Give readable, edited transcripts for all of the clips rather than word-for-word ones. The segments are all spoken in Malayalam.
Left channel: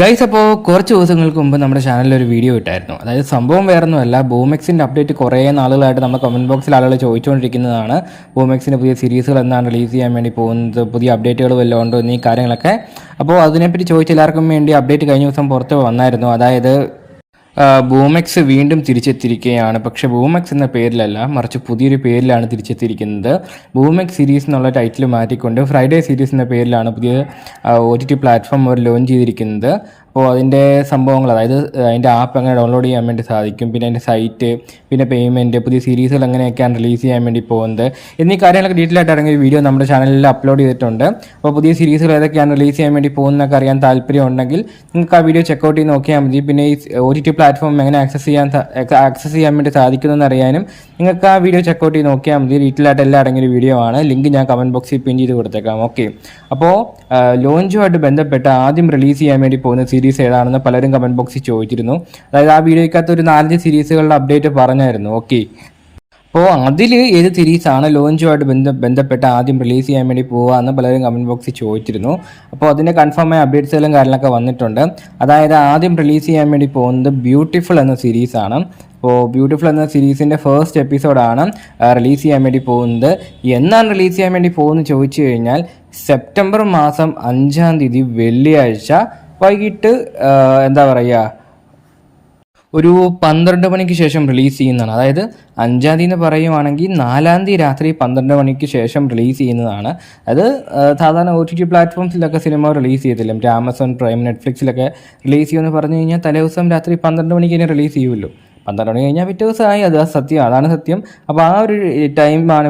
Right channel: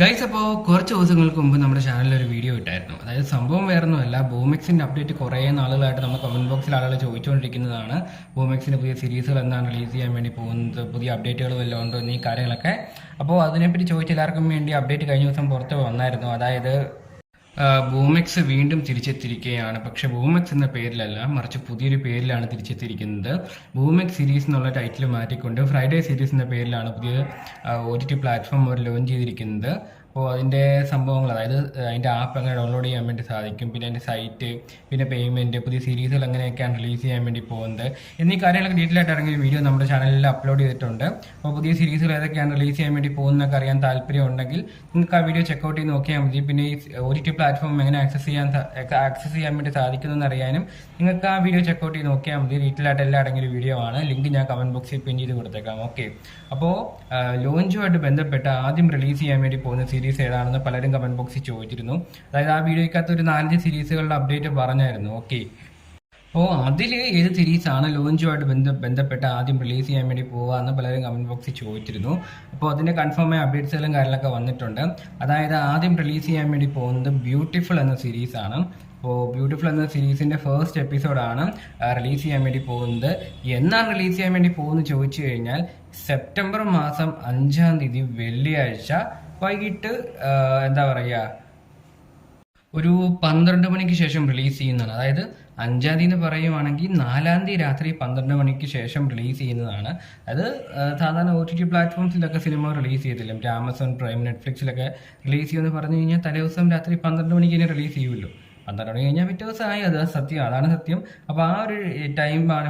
ഗൈസ്, അപ്പോൾ കുറച്ച് ദിവസങ്ങൾക്ക് മുമ്പ് നമ്മുടെ ചാനലിൽ ഒരു വീഡിയോ ഇട്ടായിരുന്നു. അതായത് സംഭവം വേറൊന്നുമല്ല, ബൂമെക്സിൻ്റെ അപ്ഡേറ്റ് കുറേ നാളുകളായിട്ട് നമ്മുടെ കമൻറ്റ് ബോക്സിൽ ആളുകൾ ചോദിച്ചുകൊണ്ടിരിക്കുന്നതാണ്. ബൂമെക്സിൻ്റെ പുതിയ സീരീസുകൾ എന്നാണ് റിലീസ് ചെയ്യാൻ വേണ്ടി പോകുന്നത്, പുതിയ അപ്ഡേറ്റുകൾ വല്ലതും ഉണ്ടോ എന്നീ കാര്യങ്ങളൊക്കെ. അപ്പോൾ അതിനെപ്പറ്റി ചോദിച്ച എല്ലാവർക്കും വേണ്ടി അപ്ഡേറ്റ് കഴിഞ്ഞ ദിവസം പുറത്ത് വന്നായിരുന്നു. അതായത് ബൂമെക്സ് വീണ്ടും തിരിച്ചെത്തിയിരിക്കുകയാണ്. പക്ഷേ ബൂമെക്സ് എന്ന പേരിലല്ല, മറിച്ച് പുതിയൊരു പേരിലാണ് തിരിച്ചെത്തിയിരിക്കുന്നത്. ബൂമെക്സ് സീരീസ് എന്നുള്ള ടൈറ്റിൽ മാറ്റിക്കൊണ്ട് ഫ്രൈഡേ സീരീസ് എന്ന പേരിലാണ് പുതിയ OTT പ്ലാറ്റ്ഫോം അവർ ലോഞ്ച് ചെയ്തിരിക്കുന്നത്. അപ്പോൾ അതിൻ്റെ സംഭവങ്ങൾ, അതായത് അതിൻ്റെ ആപ്പ് എങ്ങനെ ഡൗൺലോഡ് ചെയ്യാൻ വേണ്ടി സാധിക്കും, പിന്നെ അതിൻ്റെ സൈറ്റ്, പിന്നെ പേയ്മെൻറ്റ്, പുതിയ സീരീസുകൾ എങ്ങനെയൊക്കെയാണ് റിലീസ് ചെയ്യാൻ വേണ്ടി പോകുന്നത് എന്നീ കാര്യങ്ങളൊക്കെ ഡീറ്റെയിൽ ആയിട്ട് ഇറങ്ങിയ വീഡിയോ നമ്മുടെ ചാനലിൽ അപ്ലോഡ് ചെയ്തിട്ടുണ്ട്. അപ്പോൾ പുതിയ സീരീസുകൾ ഏതൊക്കെയാണ് റിലീസ് ചെയ്യാൻ വേണ്ടി പോകുന്നതൊക്കെ അറിയാൻ താല്പര്യം ഉണ്ടെങ്കിൽ നിങ്ങൾക്ക് ആ വീഡിയോ ചെക്കൗട്ട് ചെയ്ത് നോക്കിയാൽ മതി. പിന്നെ ഈ OTT പ്ലാറ്റ്ഫോം എങ്ങനെ ആക്സസ് ചെയ്യാൻ വേണ്ടി സാധിക്കുന്നതെന്ന് അറിയാനും നിങ്ങൾക്ക് ആ വീഡിയോ ചെക്കൗട്ട് ചെയ്ത് നോക്കിയാൽ മതി. ഡീറ്റെയിൽ ആയിട്ട് എല്ലാം അടങ്ങിയൊരു വീഡിയോ ആണ്. ലിങ്ക് ഞാൻ കമൻറ്റ് ബോക്സിൽ പിൻ ചെയ്ത് കൊടുത്തേക്കാം. ഓക്കെ, അപ്പോൾ ലോഞ്ചുമായിട്ട് ബന്ധപ്പെട്ട് ആദ്യം റിലീസ് ചെയ്യാൻ വേണ്ടി പോകുന്ന സീരീസ് ഏതാണെന്ന് പലരും കമൻറ്റ് ബോക്സിൽ ചോദിച്ചിരുന്നു. അതായത് ആ വീഡിയോയ്ക്കകത്ത് ഒരു 4 സീരീസുകളുടെ അപ്ഡേറ്റ് പറഞ്ഞായിരുന്നു. ഓക്കെ, അപ്പോൾ അതിൽ ഏത് സീരീസാണ് ലോഞ്ചുമായിട്ട് ബന്ധപ്പെട്ട് ആദ്യം റിലീസ് ചെയ്യാൻ വേണ്ടി പോകുക എന്ന് പലരും കമൻറ്റ് ബോക്സിൽ ചോദിച്ചിരുന്നു. അപ്പോൾ അതിൻ്റെ കൺഫേമായ അപ്ഡേറ്റ്സുകളും കാര്യങ്ങളൊക്കെ വന്നിട്ടുണ്ട്. അതായത് ആദ്യം റിലീസ് ചെയ്യാൻ വേണ്ടി പോകുന്നത് ബ്യൂട്ടിഫുൾ എന്ന സീരീസാണ്. അപ്പോൾ ബ്യൂട്ടിഫുൾ എന്ന സീരീസിൻ്റെ ഫസ്റ്റ് എപ്പിസോഡാണ് റിലീസ് ചെയ്യാൻ വേണ്ടി പോകുന്നത്. എന്നാണ് റിലീസ് ചെയ്യാൻ വേണ്ടി പോകുന്നത് ചോദിച്ചു കഴിഞ്ഞാൽ സെപ്റ്റംബർ മാസം 5-ാം തീയതി വെള്ളിയാഴ്ച വൈകിട്ട് എന്താ പറയുക, ഒരു 12 മണിക്ക് ശേഷം റിലീസ് ചെയ്യുന്നതാണ്. അതായത് 5-ാം തീയതി എന്ന് പറയുവാണെങ്കിൽ 4-ാം തീയതി രാത്രി 12 മണിക്ക് ശേഷം റിലീസ് ചെയ്യുന്നതാണ്. അത് സാധാരണ OTT പ്ലാറ്റ്ഫോംസിലൊക്കെ സിനിമ റിലീസ് ചെയ്തില്ല, മറ്റേ ആമസോൺ പ്രൈം, നെറ്റ്ഫ്ലിക്സിലൊക്കെ റിലീസ് ചെയ്യുമെന്ന് പറഞ്ഞു കഴിഞ്ഞാൽ തലേദിവസം രാത്രി 12 മണിക്ക് തന്നെ റിലീസ് ചെയ്യുമല്ലോ. 12 മണി കഴിഞ്ഞാൽ പിറ്റേ ദിവസമായി, അത് സത്യം, അതാണ് സത്യം. അപ്പോൾ ആ ഒരു ടൈമാണ്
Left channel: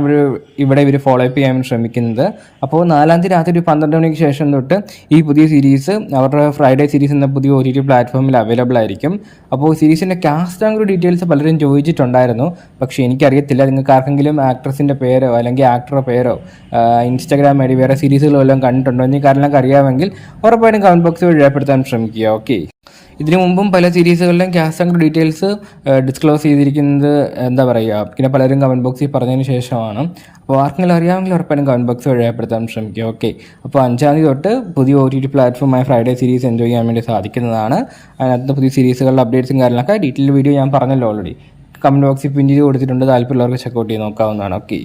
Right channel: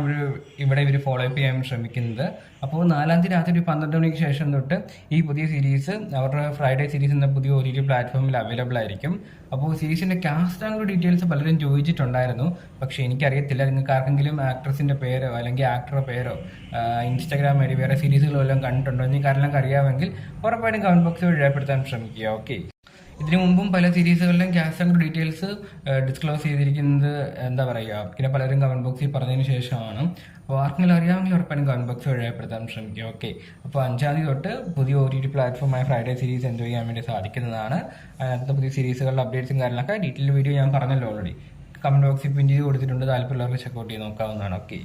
ഇവിടെ ഇവർ ഫോളോ അപ്പ് ചെയ്യാൻ ശ്രമിക്കുന്നത്. അപ്പോൾ 4-ാം തീയതി രാത്രി 12 മണിക്ക് ശേഷം തൊട്ട് ഈ പുതിയ സീരീസ് അവരുടെ ഫ്രൈഡേ സീരീസ് എന്ന പുതിയ OTT പ്ലാറ്റ്ഫോമിൽ അവൈലബിൾ ആയിരിക്കും. അപ്പോൾ സീരീസിൻ്റെ കാസ്റ്റ് ആൻഡ് ഡീറ്റെയിൽസ് പലരും ചോദിച്ചിട്ടുണ്ടായിരുന്നു. പക്ഷേ എനിക്കറിയത്തില്ല, നിങ്ങൾക്ക് ആർക്കെങ്കിലും ആക്ട്രസിൻ്റെ പേരോ അല്ലെങ്കിൽ ആക്ടറുടെ പേരോ ഇൻസ്റ്റാഗ്രാം വഴി വേറെ സീരീസുകളോ എല്ലാം കണ്ടിട്ടുണ്ടോ എന്നീ കാര്യങ്ങളൊക്കെ അറിയാമെങ്കിൽ ഉറപ്പായിട്ടും കമൻറ്റ് ബോക്സിൽ വഴി രേഖപ്പെടുത്താൻ ശ്രമിക്കുക. ഓക്കെ, ഇതിനു മുമ്പും പല സീരീസുകളിലും കാസ്റ്റ് ആൻഡ് ഡീറ്റെയിൽസ് ഡിസ്ക്ലോസ് ചെയ്തിരിക്കുന്നത് എന്താ പറയുക, പിന്നെ പലരും കമൻറ്റ് ബോക്സിൽ പറഞ്ഞതിന് ശേഷമാണ്. അപ്പോൾ ആർക്കെങ്കിലും അറിയാമെങ്കിൽ ഉറപ്പായിട്ടും കമൻറ്റ് ബോക്സ് വഴിപ്പെടുത്താൻ ശ്രമിക്കുക. ഓക്കെ, അപ്പോൾ 5-ാം തീയതി തൊട്ട് പുതിയ OTT പ്ലാറ്റ്ഫോമായ ഫ്രൈഡേ സീരീസ് എൻജോയ് ചെയ്യാൻ വേണ്ടി സാധിക്കുന്നതാണ്. അതിനകത്ത് പുതിയ സീരീസുകളുടെ അപ്ഡേറ്റ്സും കാര്യങ്ങളൊക്കെ ഡീറ്റെയിൽ വീഡിയോ ഞാൻ പറഞ്ഞല്ലോ ഓൾറെഡി. കമൻറ്റ് ബോക്സിൽ പിൻ ചെയ്ത് കൊടുത്തിട്ടുണ്ട്, താല്പര്യമുള്ളവർക്ക് ചെക്കൗട്ട് ചെയ്ത് നോക്കാവുന്നതാണ്. ഓക്കെ.